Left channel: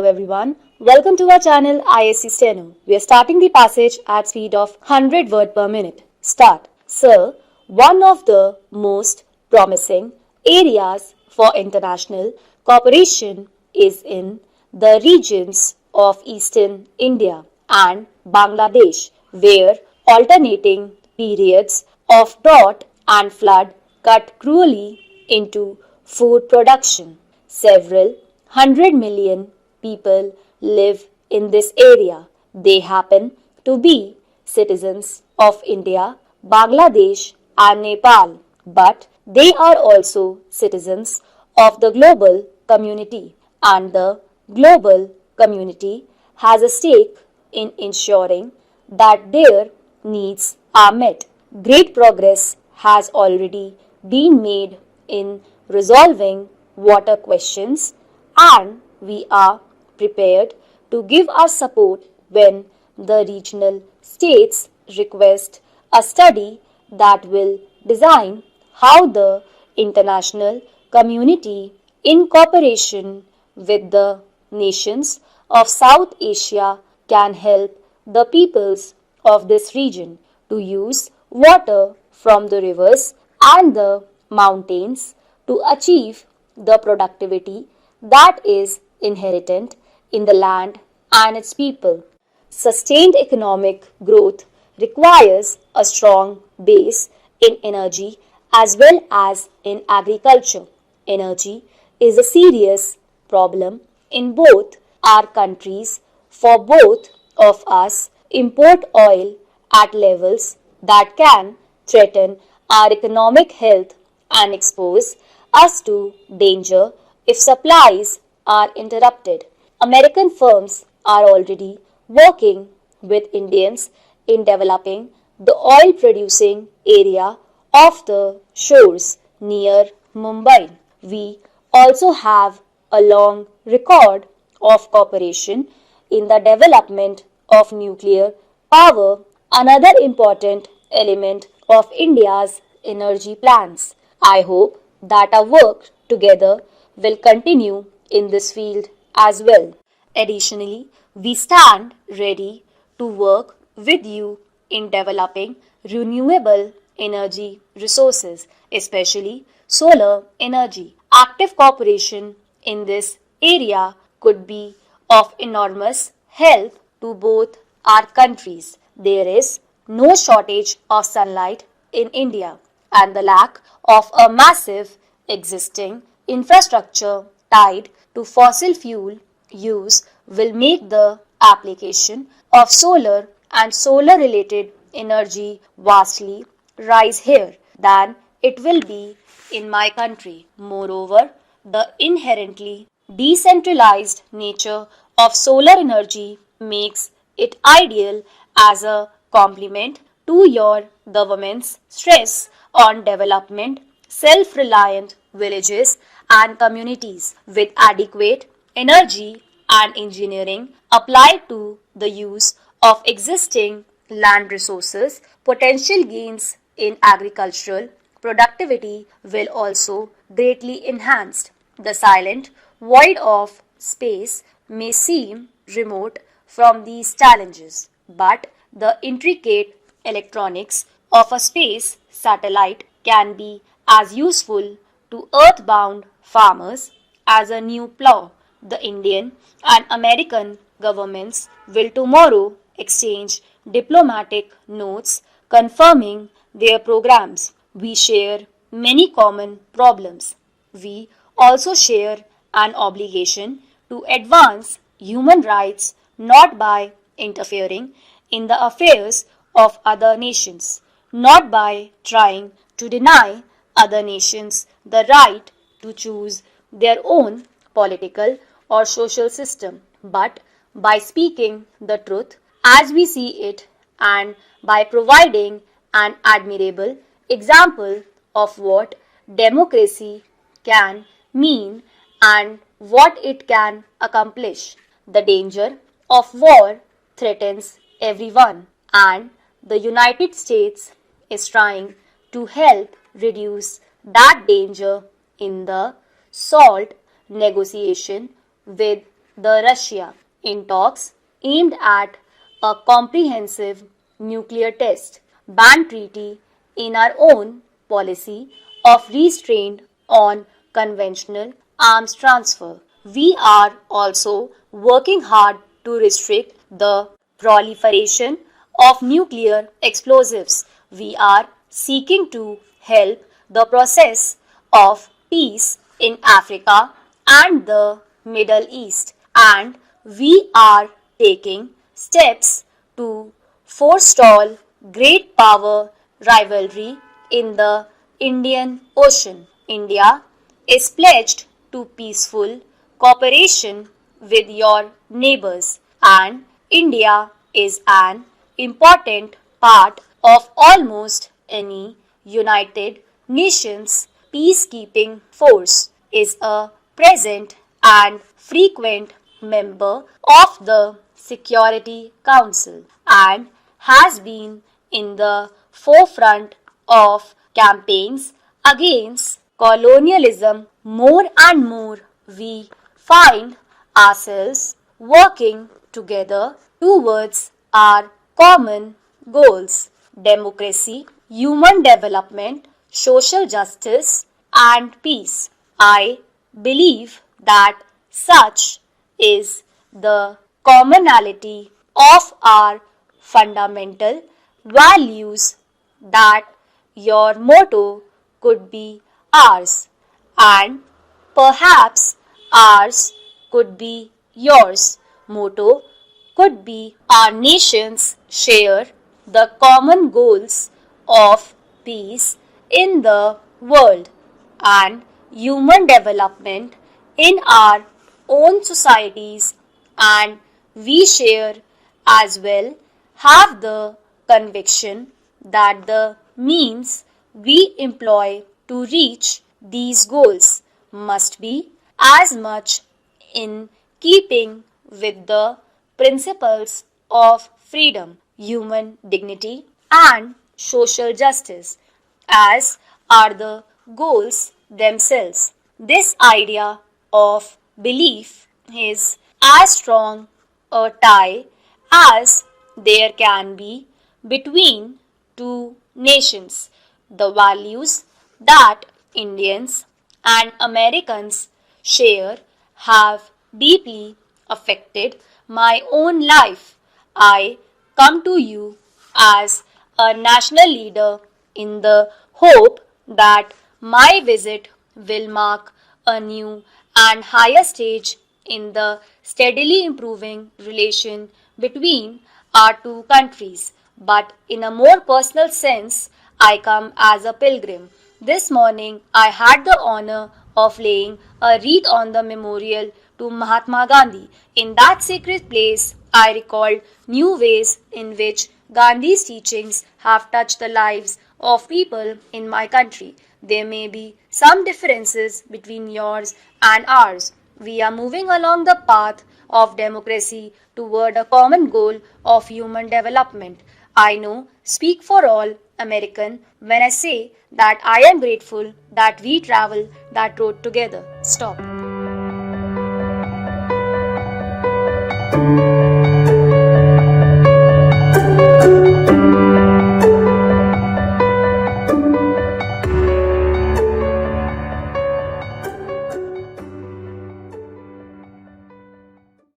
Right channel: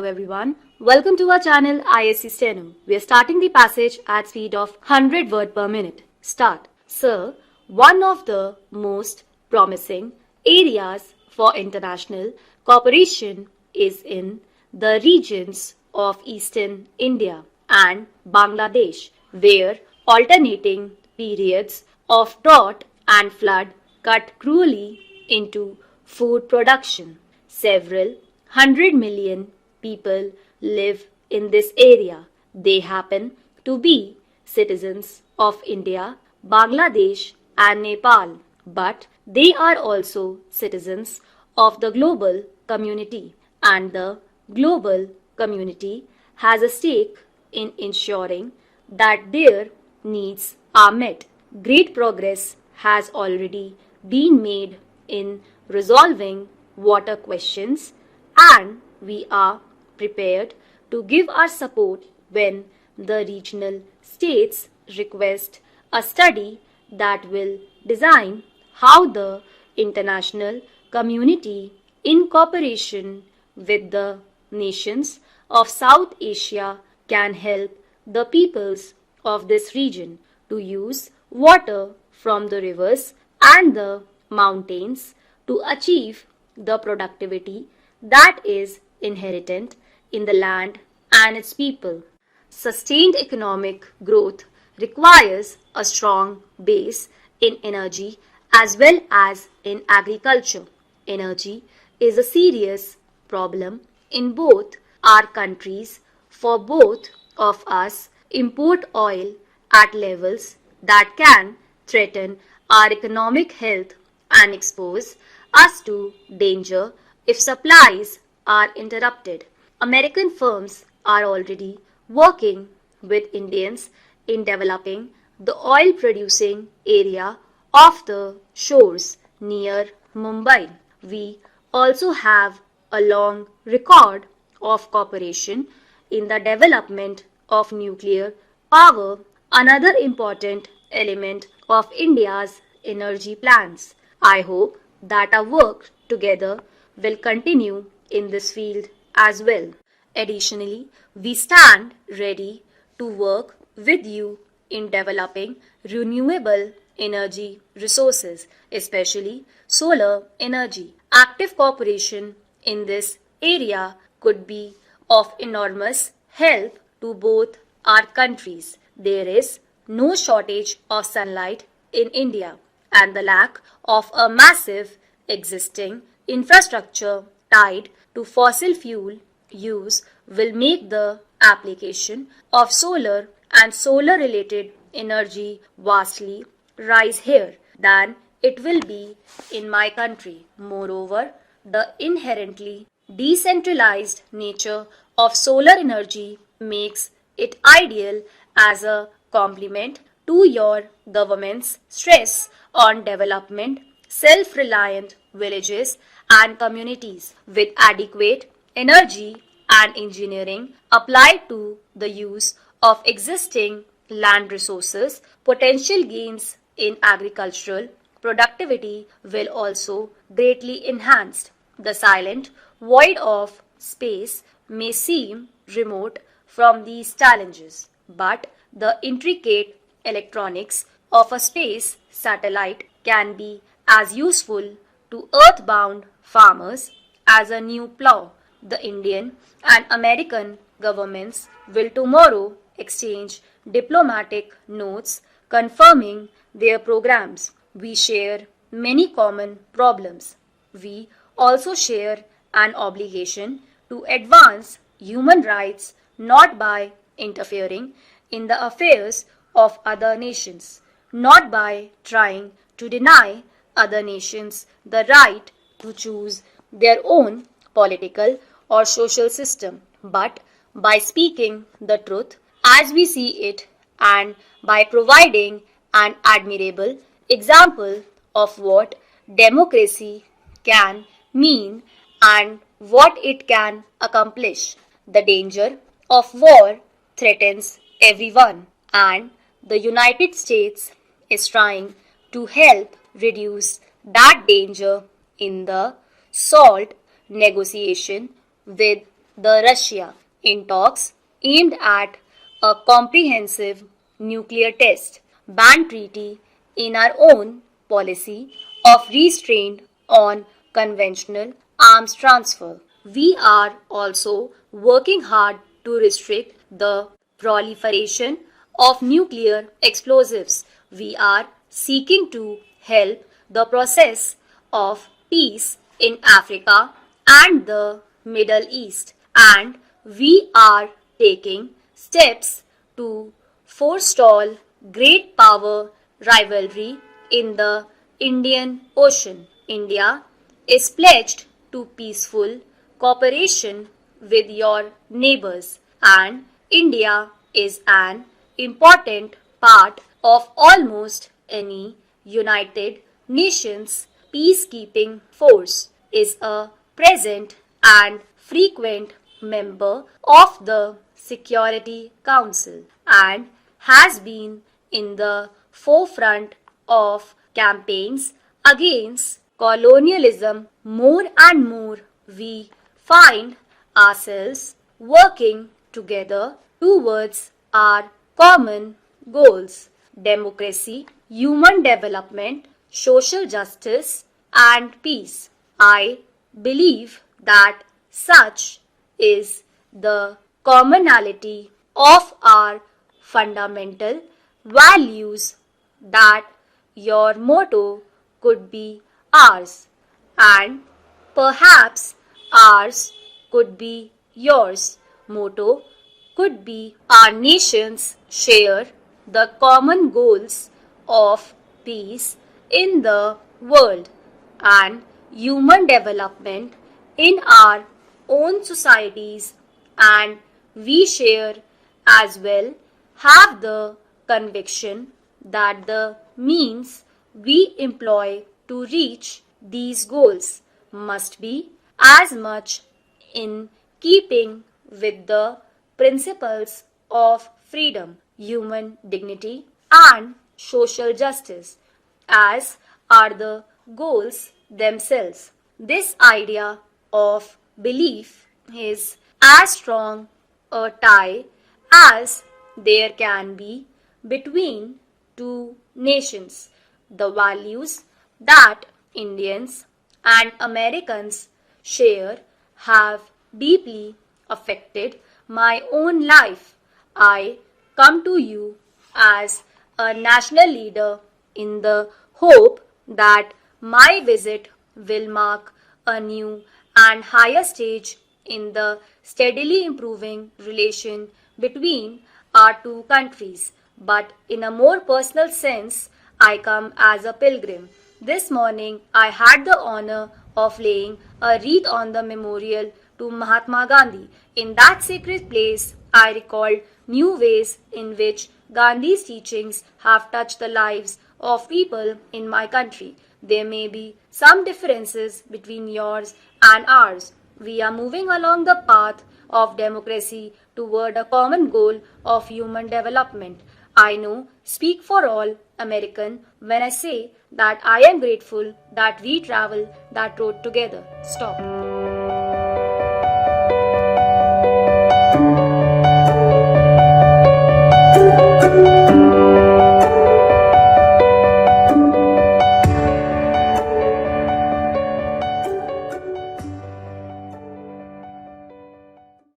Hello everyone, welcome to our channel ISC Steno. We are starting the passage at speed of 100 word per minute. Start. Sir, one of the most promising areas for international cooperation is in the regions of eastern India and Bangladesh, where alternating periods of drought and flood cut cruelly into food production. Several 100 million people live in this area. They happen to be citizens of India, Bangladesh, and Nepal, but they are also citizens of the global community, and the global community has a stake in ensuring that their needs are met. Great progress has already been made in resolving water questions, and we are prepared to give our support when the regional states request a study that will design how the international community, in cooperation with the nations of South Asia, can help the peoples of this region to use water from the rivers and the mountains to achieve the productivity that is inherent in the land and its people. Sustained economic growth requires a strong base in energy as well as in agriculture. Energy is a serious problem in both our countries, for both of us import oil at levels that can threaten our economic health and expose us to danger if supplies are interrupted. American firms are already working with Indians in developing the oil producing area of the shores near Mumbai. We also have a long record of cooperation in the development of nuclear power, another important element of India's energy plans. I hope that our work together will continue in this field as well. Additionally, we stand ready to work with you in developing renewable energy resources, especially solar energy. Active cooperation in this area could be of enormous help to both our countries. There is no shortage of sunlight in India, and the lack of a massive existing infrastructure tied to fossil fuel use will make the application of solar and solar related energy vastly rise here than it will be in my country. Moreover, the inherently decentralized nature of solar energy makes it ideal as a complement to your government's stress on development self-reliant villages and communities with adequate energy and engineering applied to the use of existing land resources. Potential gains in agricultural productivity will also greatly enhanced. The silent void of space may seem remote from these challenges, but the intricate electronics of a space satellite can be as useful to earthbound farmers as a new plow. The Indian and American governments will tomorrow exchange diplomatic notes confirming their programs. We share many common problems. We also share an obligation to advance human rights not by interfering in the affairs of other nations, not by trying to deny other nations the right to choose their own political or social system, but by speaking the truth as we see it and by providing an admirable example of what democracy can mean and what it can accomplish. The danger of war threatens everyone, and the United States is trying to help reduce that danger in the SALT negotiation with the Russia in talks aimed at a comprehensive nuclear test ban treaty in our own policy of restraint on conventional arms transfer. We are also working hard to restrict the proliferation of nuclear explosives. We are seeking to help the process of peace in Africa and the Middle East, and we are taking steps to forestall great power rivalry in the Indian Ocean. India is pledged to peaceful cooperation with your neighbors, and India is an important part of almost any United Nations peacekeeping force, is a present and frequent member of the Security Council, and has been in the forefront of campaigns against colonialism. More and more we find ourselves working together towards our common goals: democracy, human development, social justice, and peace. I believe that such is the commonality of our fundamental values that your motto could be ours, and perhaps ours could be yours. Motto could be our nations share the common goals of peace in the world and human development in our own societies, and we share as well have the conviction that the means we employ to reach these goals must be as much in keeping with the principles of freedom, human dignity, and social justice as are the goals themselves. This idea of belief is as strong a tie as there can be between two nations. The values that Indians and Americans share have deeply affected my own life. I come to you as a national leader in the hope that my visit will mark a new and higher stage in the steadily improving relation between our two countries. But in a more personal sense, I come as a pilgrim. This morning, I had the honor of laying a wreath on the memorial to Mahatma Gandhi. In that sacred place, I recalled new ways in which Gandhi's teachings have touched the lives of people in my country. There may be some differences between yours and ours. We are moving along the path of democracy toward a common goal of human development. I know, speak for all American when I say that I am grateful that we travel that road together. Stop.